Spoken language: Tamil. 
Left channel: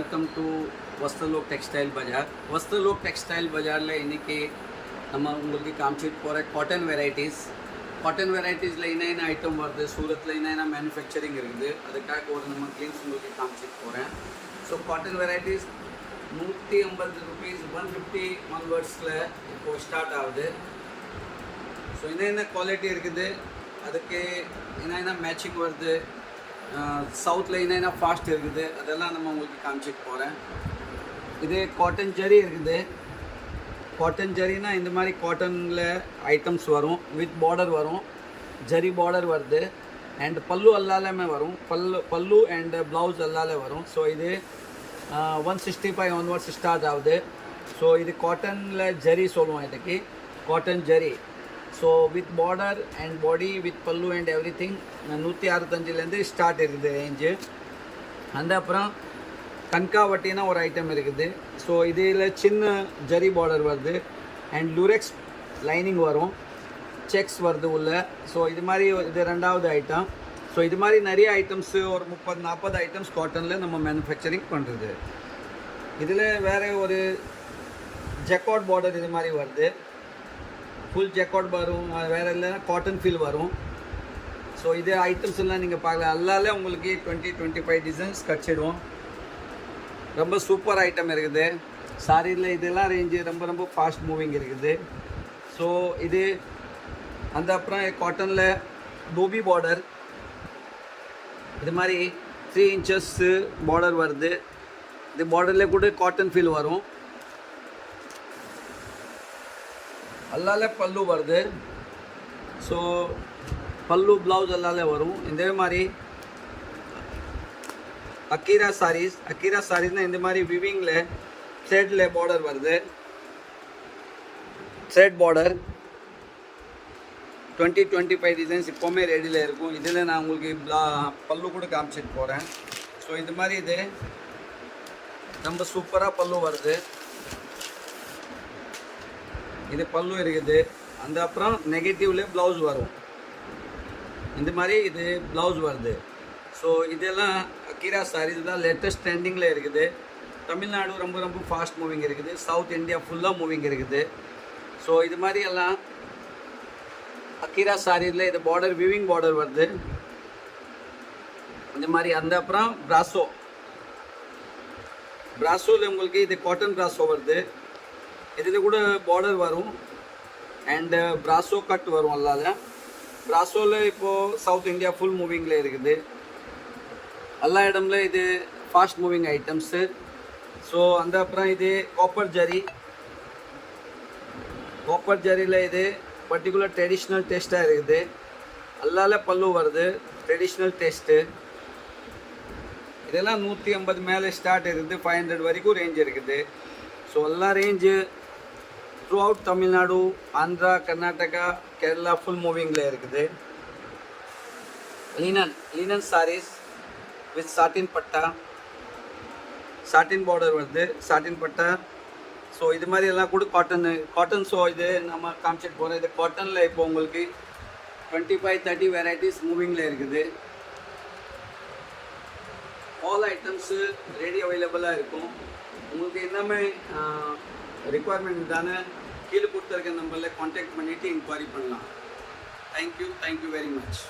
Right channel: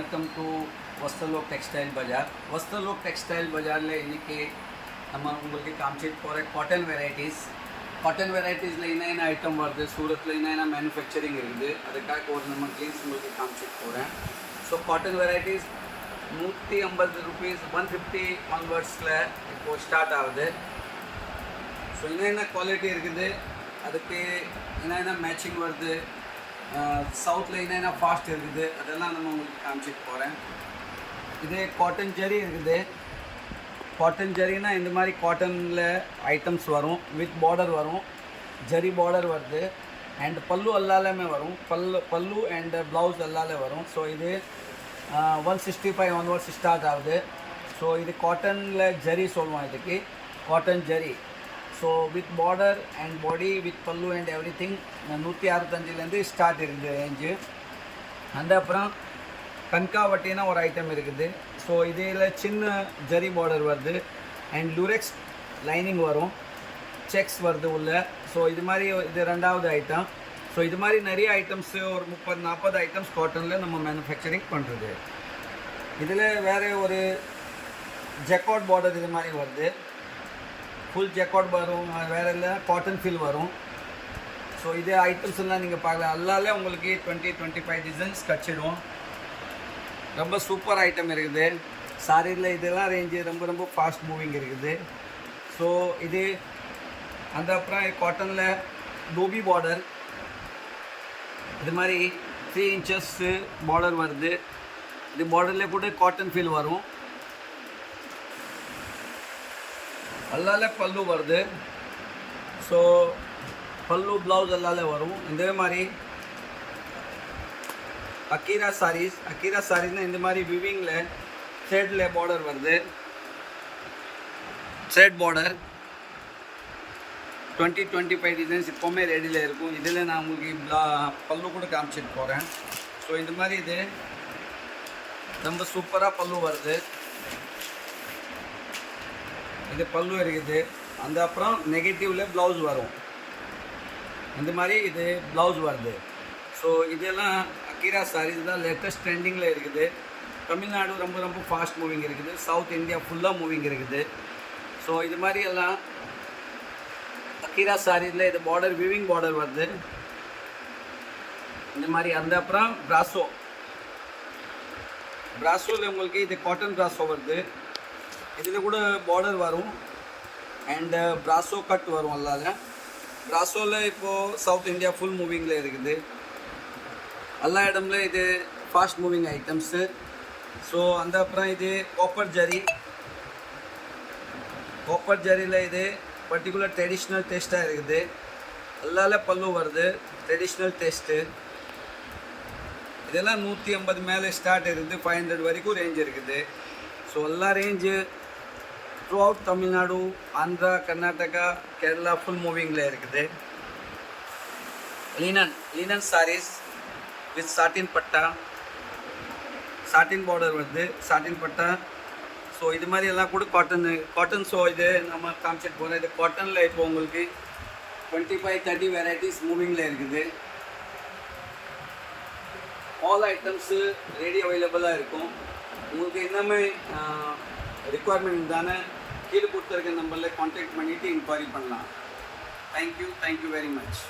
Welcome to Vastralok textile Bazaar. Vastralok textile பஜாரில் இன்றைக்கி நம்ம உங்களுக்கு காமிச்சிட்டு போகிற காட்டன் வெரைட்டிஸில் என்ன ஐட்டம் வருது, சூரத்தில் என்ன மேனுஃபேக்சரிங் இருக்குது, அதுக்காக ஒரு நம்ம கிளீன்ஸ் உங்களுக்கு காமிச்சிட்டு போகிறேன். ஸோ காட்டன் வெரைட்டிஸ் 150 rupees 150 onwardsல இப்போது ஸ்டார்ட் ஆகுது. ஸோ என்ன குவாலிட்டி இருக்குது, அதுக்கு என்ன மேட்சிங் வருது, சவுத்தில் என்ன ஃபாஸ்ட் இருக்குது, அதெல்லாம் நம்ம உங்களுக்கு காமிச்சிட்டு போகிறேன். இது காட்டன் ஜரி இருக்குது. காட்டன் ஜரினா இந்த மாதிரி காட்டனில் ஐட்டம்ஸ் வரும், வித் பார்டர் வரும், ஜரி பார்டர் வருது, அண்ட் பல்லு எல்லாமே வரும், பல்லு அண்ட் ப்ளவுஸ் எல்லாமே வரும். ஸோ இது 165 onwards ஸ்டார்ட் ஆகுது. ஸோ இது காட்டனில் ஜரி சொல்லுவோம், இதுக்கு cotton zari. So with border and body with பல்லு அண்ட் எவ்ரி திங் 165லேருந்து ஸ்டார்ட் இருக்குது ரேஞ்சு. அந்த அப்புறம் கன்காவட்டினா ஒரு ஐட்டம் இருக்குது. ஸோ இதில் சின்ன ஜரி பார்டர் வருது அண்ட் லுரெக்ஸ் லைனிங் வரும், செக்ஸ் வருது உள்ள. ஸோ இது மாதிரி இது ரெண்டாவது ஐட்டம். ஸோ இது மாதிரி நிறைய ஐட்டம்ஸு ஒரு 30-40 ஐட்டம்ஸ் காட்டனில் நம்ம மேனுஃபேக்சரிங் பண்ணுறது. இதில் வேறு ஒரு ஜெக்கார்ட் பார்டர் இது மாதிரி வருது, ஃபுல் ஜெக்கார்ட் வரும், வேறு இல்லை காட்டன் ஃபீல் வரும். ஸோ இது ஐட்டம்ஸ் எல்லாம் நீங்கள் பார்க்கலாம், எல்லாமே உங்களுக்கு 20-25 டிசைன்ஸ் கிடச்சிடும். ரொம்ப சூப்பர் ஐட்டம் இருக்குது. சாரியில் இதெல்லாம் ரேஞ்சு ரொம்ப ஃபாஸ்ட் மூவிங் இருக்குது. ஸோ இது அந்த அப்புறம் காட்டனில் டோபி பார்டர் இது மாதிரி 3 inches பார்டர் வருது. இது பார்டரில் கூட காட்டன் ஃபீல் வரும், அல்லாலே பல்லு வருது. ஸோ பல்லு ப்ளவுஸ் எல்லாலே வரும். இதே மாதிரி அக்கீரா சாரீஸ்னால் இந்த மாதிரி விவிங்கில் த்ரெட்டில் பார்டர் வருது, த்ரெட் பார்டர் 20-25 டிசைன்ஸ் இப்போவுமே ரெடியில் இருக்கும். இதில் நான் உங்களுக்கு பல்லு கூட காமிச்சிட்டு போகிறேன். ஸோ இது மாதிரி இது ரொம்ப சூப்பராக பல்லு வருது. இது பல்லு இருக்குது. அந்த அப்புறம் நெகட்டிவ்ல ப்ளவுஸ் வரும், இந்த மாதிரி இது ப்ளவுஸ் வருது. ஸோ இதெல்லாம் அக்கீரா சாரீஸ் தான் லேட்டஸ்ட் ட்ரெண்டிங்கில் இருக்குது. தமிழ்நாடு ரொம்ப ஃபாஸ்ட் மூவிங் இருக்குது, சவுத் இந்தியா ஃபுல்லாக மூவிங் இருக்குது. ஸோ இது மாதிரி எல்லாம் அக்கீரா சாரீஸில் இது பார்டர் விவிங் பார்டர் வருது இந்த மாதிரி. அந்த அப்புறம் பிராசோவில் உங்களுக்கு இது காட்டன் பிராசோ வருது. இதில் கூட பார்டர் வரும் அண்ட் பிராசோ கட் வரும். எல்லால பிராசோவில் இப்போது சவுத் இந்தியா ஃபுல் மூவிங்கில் இருக்குது, எல்லா இடம்ல இது ஃபாஸ்ட் மூவிங் ஐட்டம்ஸு. ஸோ அந்த அப்புறம் இது காப்பர் ஜரியில் இது பர்டிகுலர் ட்ரெடிஷ்னல் டேஸ்ட்டாக இருக்குது. எல்லால பல்லு வருது, ட்ரெடிஷ்னல் டேஸ்ட்டு. இதெல்லாம் 150 மேலே ஸ்டார்ட் இருக்குது, 500 வரைக்கும் ரேஞ்ச் இருக்குது. ஸோ எல்லா range throughout Tamil Nadu, Andhra, Karnataka, Kerala full மூவிங்கில் இருக்குது. லினன் சாரீஸ் வித் சாட்டின் பட்டா, சாட்டின் பார்டர் வருது, சாட்டின் பட்டா. ஸோ இது மாதிரி எல்லாம் கூட காட்டன். ஸோ இது நம்ம காமிச்சிட்டு போகிறோம். இது காட்டனில் இப்போ உங்களுக்கு 25-30 வெரைட்டிஸ் மூவிங்கில் இருக்குது. ஆல் ஐட்டம்ஸு ரெடி அவைலபிளாக இருக்கும். உங்களுக்கு இன்னமே ரிக்குவயர்மெண்ட் தானே கீழே கொடுத்துருக்க நம்பரில் கான்டாக்ட் பண்ணிவிட்டு இன்கொயரி பண்ணலாம். Thank you very much.